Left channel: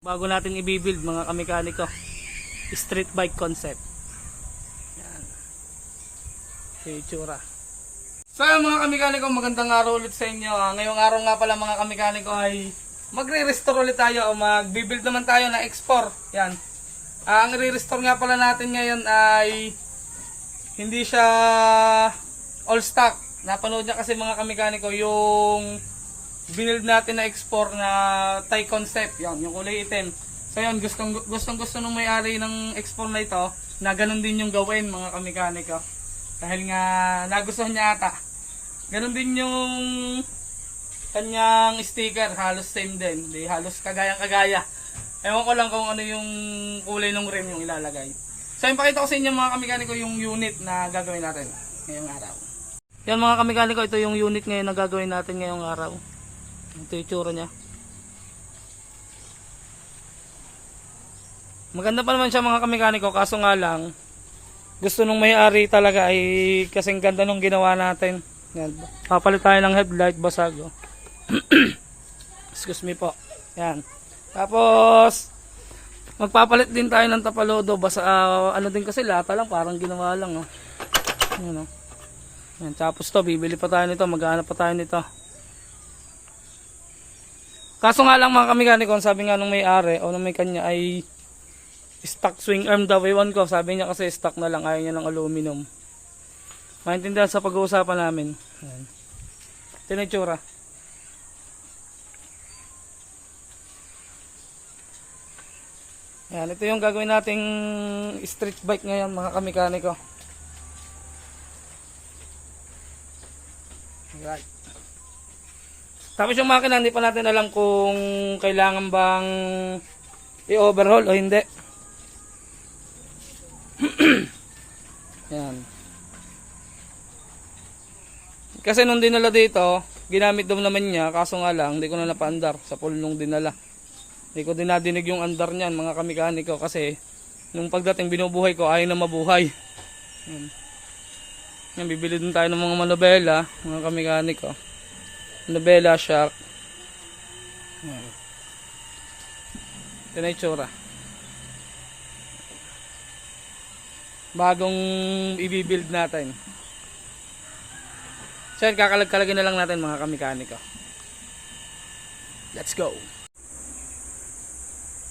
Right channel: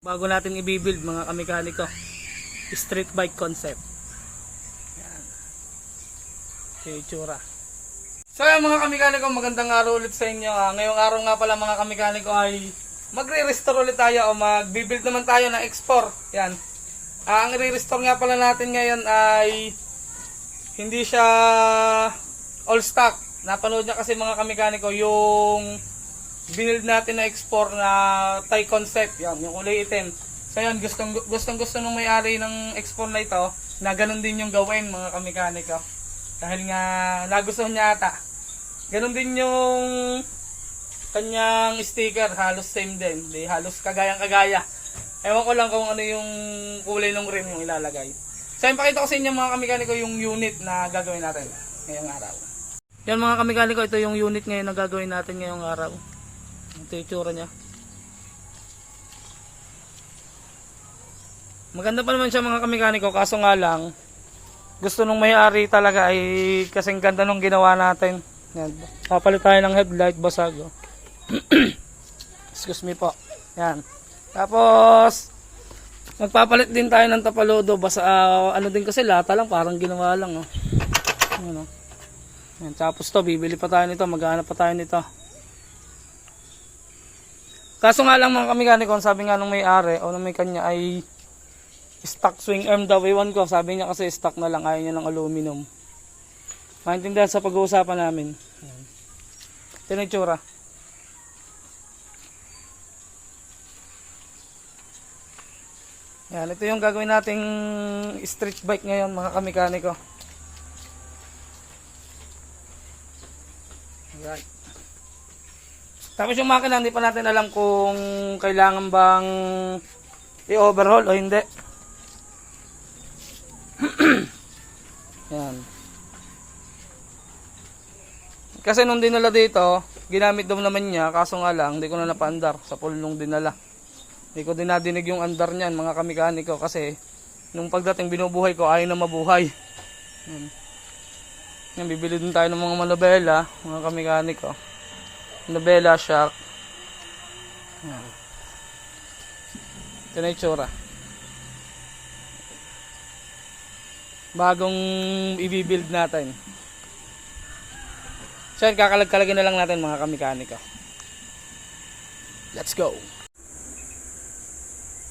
Bago natin i-build mga kamekaniko, street bike concept. Yan. Okay, itsura. So yan mga kamekaniko, magandang araw ulit sa inyo. Ngayong araw nga pala mga kamekaniko ay magre-restore ulit tayo o mag-build naman tayo ng X4. Yan. Ang re-restore nga pala natin ngayon ay hindi siya all stock. Napanood niya kasi mga kamekaniko yung binild natin na X4 na Thai concept, yan, yung kulay itim. So yan, gustong nung may-ari ng X4 na ito na ganun din yung gawin mga kamekaniko. Dahil nga nagustuhan niya ata. Ganun din yung kanyang sticker, halos same din. Di halos kagaya. Ewan ko lang kung ano yung kulay ng rim yung ilalagay. So yan, pakita ko sa inyo mga kamekaniko yung unit na gagawin natin ngayong araw. Yan mga kamekaniko, ito yung unit ngayon na gagawin natin ngayong araw. Ito yung itsura niya. Maganda pa naman siya mga kamekaniko, kaso nga lang gusto nung may-ari talaga ay kasing ganda nung ginawa natin. Yan. Papalit tayo ng headlight, basag. Oh. Excuse me po. Yan. Tapos magpapalit din tayo ng tapalodo, basta ano din kasi lata lang, parang ginawa lang. Oh. Yan, oh. Yan. Tapos to, bibili pa tayo nito, maghanap pa tayo nito. Kaso nga lang mga kamekaniko, sabi nga nung may-ari o nung may kanya ay stock swing arm daw. Iwan ko, sabi niya kasi stock na lang, ayaw niya ng aluminum. Maintindihan sa pag-uusapan namin. Yan. Ito na itsura. Yan, ito yung gagawin nating street bike ngayon mga kamekaniko. Alright. Tapos yung makina, hindi pa natin alam kung kailangan bang i-overhaul o hindi. Yan. Kasi nung dinala dito, ginamit daw naman niya, kaso nga lang, hindi ko na napaandar sa pool nung dinala. Hindi ko dinadinig yung andar niyan, mga kamekaniko, kasi nung pagdating binubuhay ko, ayaw na mabuhay. Yan. Yan, bibili din tayo ng mga manobela, mga kamekaniko. Nobela shock. Ito na itsura. Bagong i-build natin. So yan, kakalag-kalagin na lang natin mga kamekaniko. Let's go.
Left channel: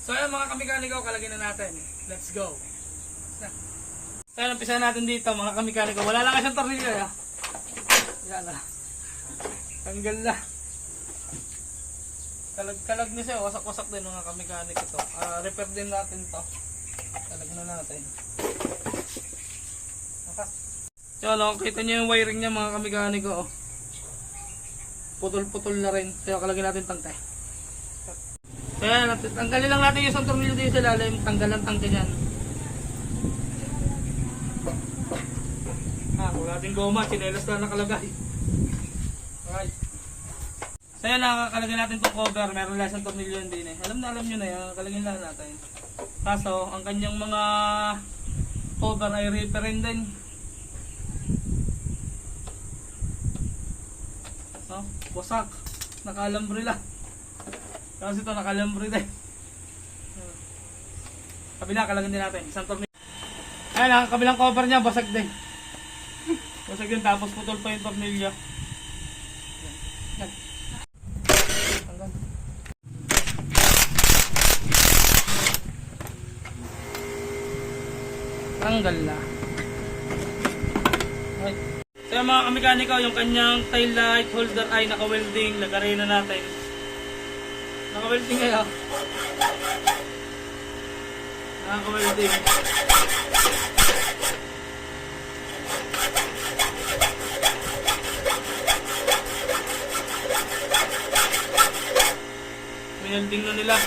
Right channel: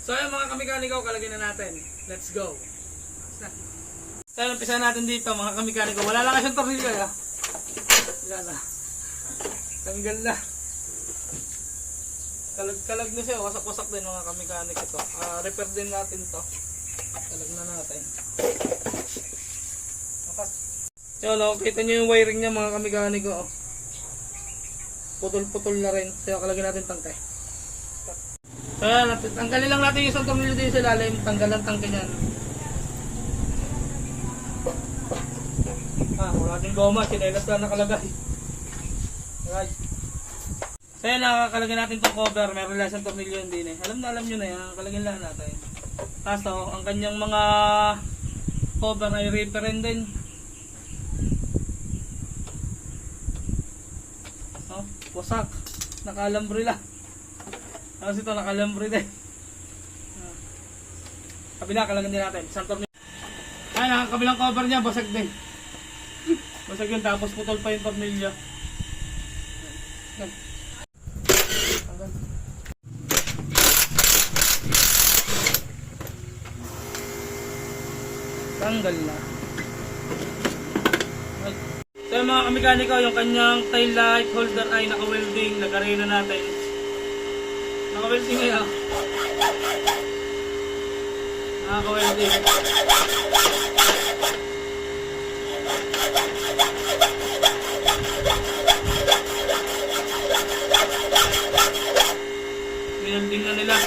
So yan mga kamekaniko, kalagin na natin. Let's go. So yan, umpisa natin dito mga kamekaniko. Wala lang kasing tornilyo. Yan na. Tanggal na. Kalag na siya. Wasak-wasak din mga kamekaniko ito. Repair din natin to. Kalag na natin. So no, kita nyo yung wiring niya mga kamekaniko. Oh. Putol-putol na rin. So kalagin natin tangke. So yan, tanggalin lang natin yung isang tornilyo din sa lalim. Tanggal ang tangke niyan. Wala natin goma. Sinelas lang nakalagay. Right. So yan, nakakalagay natin itong cover. Meron lang siyang tornilyo din eh. Alam nyo na yan, nakalagay lang natin. Kaso, ang kanyang mga cover ay repair din. Oh, wasak. Nakalambre lang. Tapos ito nakalambre din. Kabila, kalagay din natin. Isang tornilyo. Ayan, ang kabilang cover niya, basag din. Basag yun, tapos putol pa yung tornilyo. Tanggal na. So yung mga kamekaniko, yung kanyang tail light holder ay naka-welding, nag-arena natin. Naka-welding ngayon. Naka-welding. Ayan, tingnan nila.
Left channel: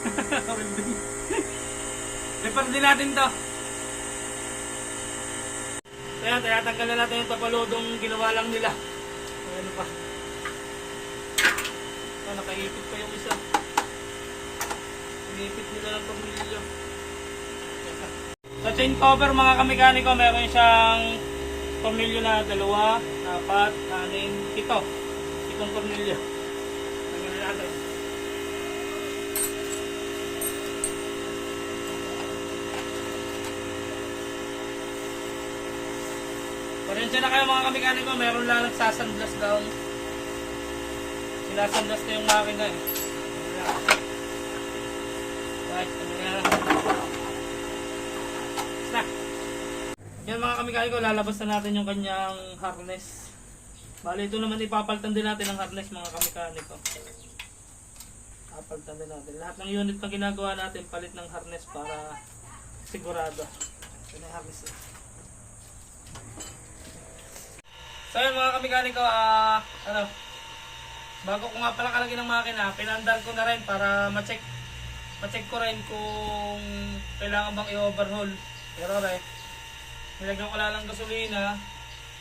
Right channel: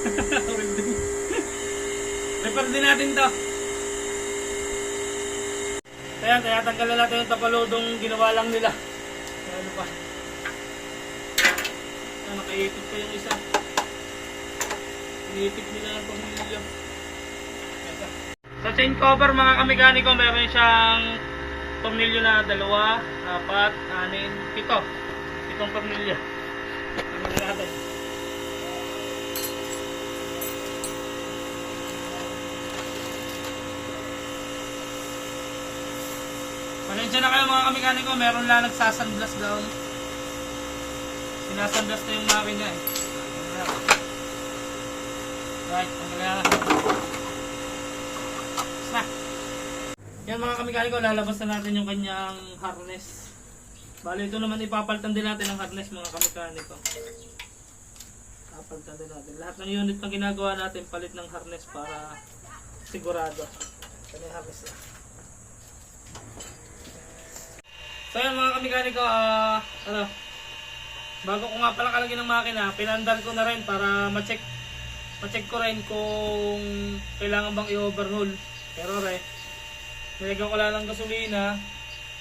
Welding. Repair din natin to. Ayan, tinatanggal na natin yung tapalodong ginawa lang nila. Ano pa? Ayan, nakaipit pa yung isa. Inipit nila ang pamilya. Sa chain cover mga kamekaniko, meron siyang tornilyo na 2, 4, 6, 7. 7 tornilyo. Tanggalin natin. Pasensya na kayo mga kamekaniko, meron lang nagsasandlas daw. Sinasandlas na yung makina eh. Right, na. Yan mga kamekaniko, lalabas na natin yung kanyang harness. Bali ito naman ipapalitan din natin ang harness mga kamekaniko. Papalitan din natin. Lahat ng unit na ginagawa natin, palit ng harness para sigurado. Yan ang harness. So yan mga kamekaniko, bago ko nga pala kalagyan ng makina, pinandar ko na rin para ma-check ko rin kung kailangan bang i-overhaul. Pero nilagyan ko lang ng gasolina,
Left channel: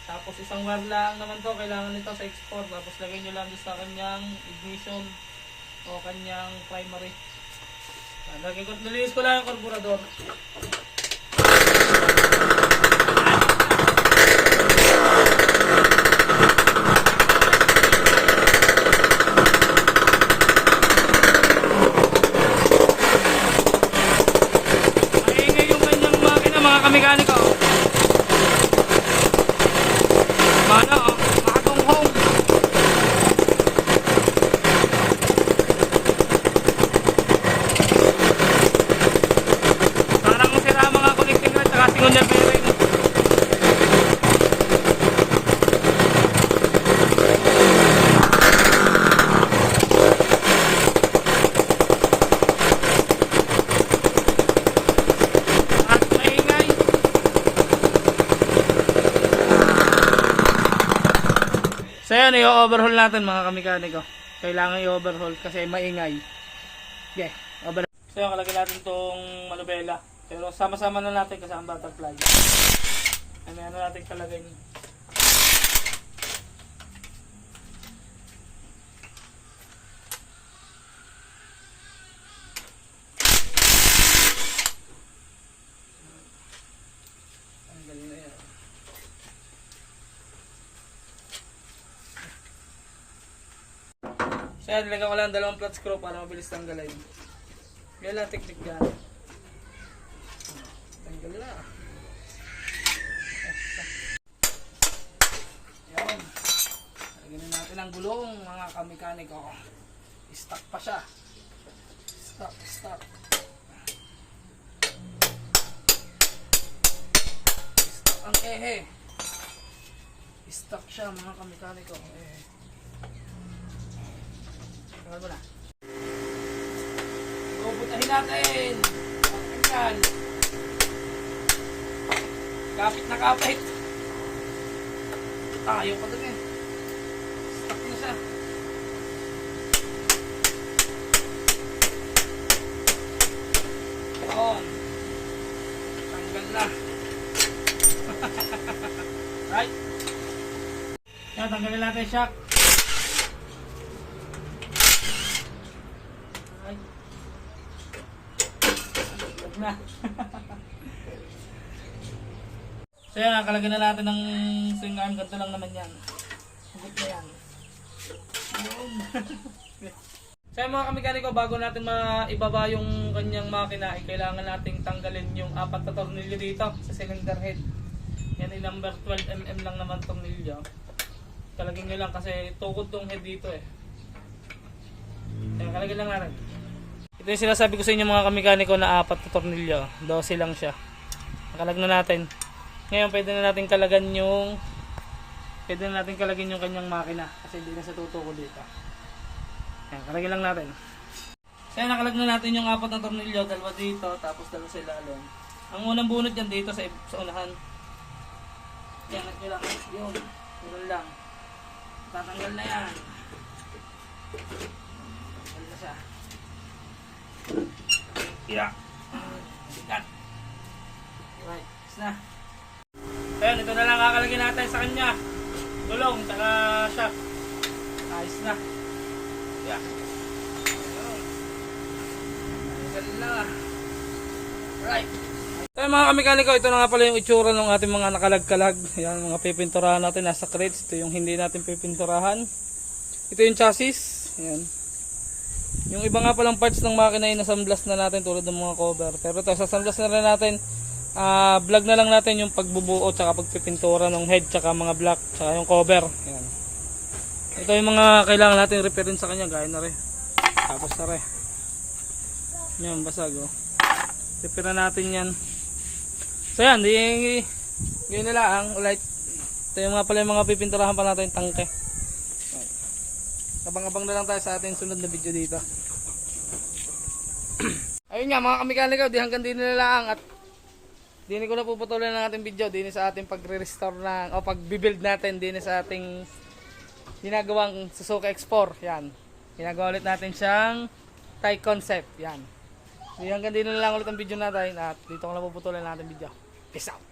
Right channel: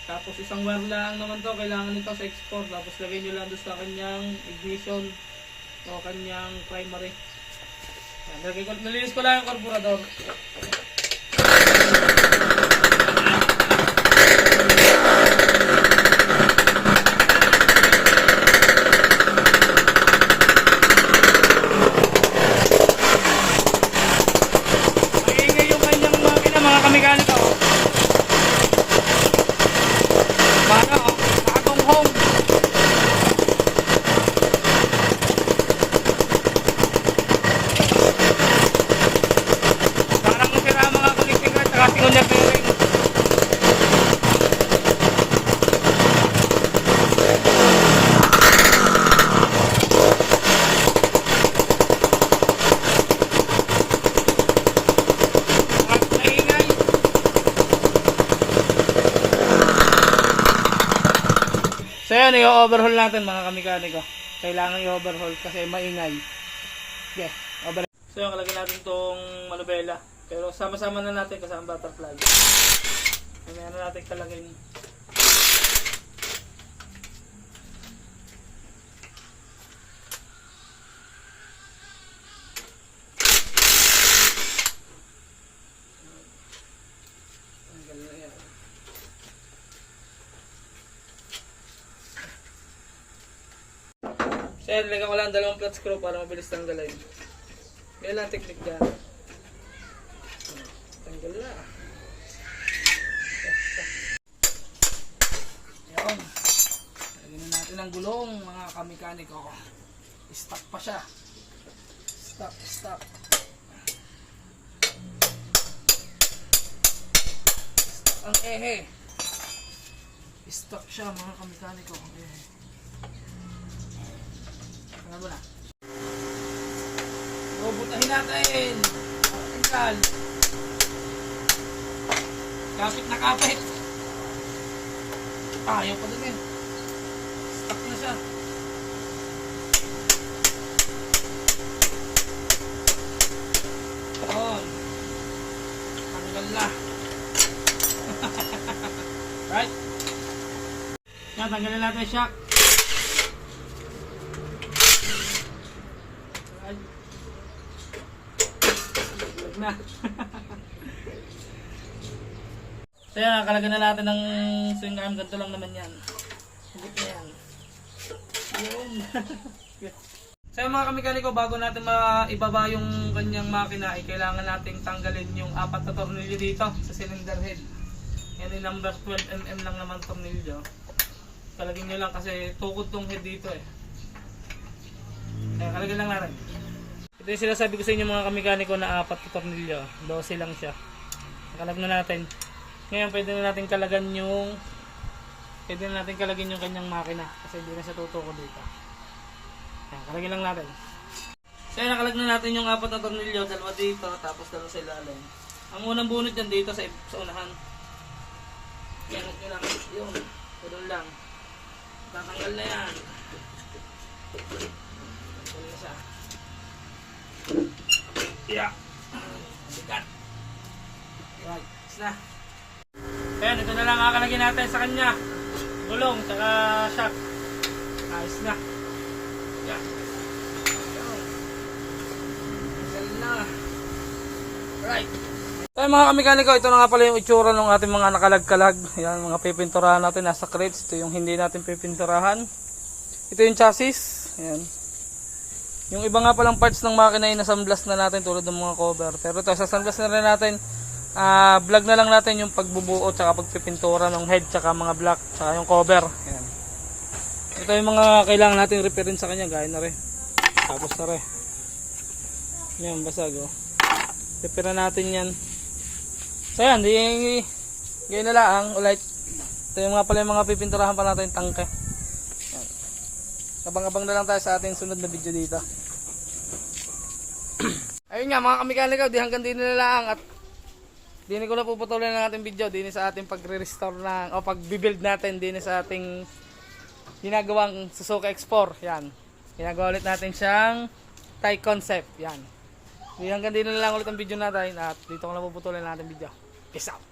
tapos isang wire lang naman to, kailangan nito sa export, tapos lagay nyo lang doon sa kanyang ignition o kanyang primary. Nalinis ko lang ang carburetor. Mekaniko. Mana oh, nakatong home. Parang sira mga connecting rod at singon niya bearing. So yan, i-overhaul natin mga kamekaniko. Kailangan i-overhaul kasi maingay. Okay, overhaul. So yan, kalagay natin itong manubela. Pero sama-sama na natin kasama butterfly. Ano na natin kalagay niyo. So yan, nilagyan ko lang 2 flat screw para mabilis tanggalin. Yan lang technique dyan. Tanggal na. Yan. Lagyan natin ang gulong mga kamekaniko. Stuck pa siya. Stuck. Stuck ang ehe. Stuck siya mga kamekaniko. Ano na? Bubutahin natin. Tingnan. Kapit na kapit. Ayaw pa dun eh. Stuck na siya. Doon. Tanggal na. Right? Yan, tanggalin natin yung shock. Na. So yan, nakalagay na natin ng swing arm. Ganito lang naman yan. Hugot na yan. So yung mga kamekaniko, bago natin maibaba yung kanyang makina, kailangan natin tanggalin yung 4 na tornilyo dito sa cylinder head. Yan yung number 12mm lang naman tornilyo. Kalagin nyo lang kasi tukod tong head dito eh. Kaya kalagin lang natin. Ito yung sinasabi ko sa inyo mga kamekaniko na 4 na tornilyo. 12 lang siya. Kalag na natin. Ngayon pwede na natin kalagyan yung kanyang makina kasi hindi na sa tutuko dito. Ayan, kalagyan lang natin. So yan, nakalag na natin yung 4 na tornilyo. 2 dito, tapos 2 sa ilalim. Ang unang bunot yan dito sa unahan. Yan, nyo lang. Yung, tulong lang. Tatanggal na yan. Tanggal na siya. Yeah. Sikat. Right, is na. Ayan, ito na lang kakalagyan natin sa kanya. Gulong, tsaka shaft. Ayos na. Yan. Right. So mga kamekaniko, ito na nga pala yung itsura ng ating mga nakalag-kalag. Yan, mga pipinturahan natin nasa crates. Ito yung hindi natin pipinturahan. Ito yung chassis. Yan. Yung iba nga palang parts ng makina ay nasamblas na natin tulad ng mga cover. Pero ito, sasamblas na rin natin. Vlog na lang natin yung pagbubuo tsaka pagpipintura ng head tsaka mga block tsaka yung cover. Yan. Ito yung mga kailangan natin repair sa kanya. Gaya na rin. Tapos na rin. Yan, basag oh. Repair natin yan. So yan, gaya na lang ulit. Ito yung nga pala yung mga pipinturahan pa natin tangke. Yan. Abang-abang na lang tayo sa ating sunod na video dito. Ayun nga mga kamekaniko, di hanggang din na lang at dini ko na puputuloy ng ating video dini sa ating pagre-restore ng o pag-build natin dini sa ating ginagawang Suzuki X4. Yan. Ginagawa ulit natin siyang Thai concept. Yan. Di hanggang din na lang ulit ang video natin at dito ko na puputuloy ng ating video. Peace out.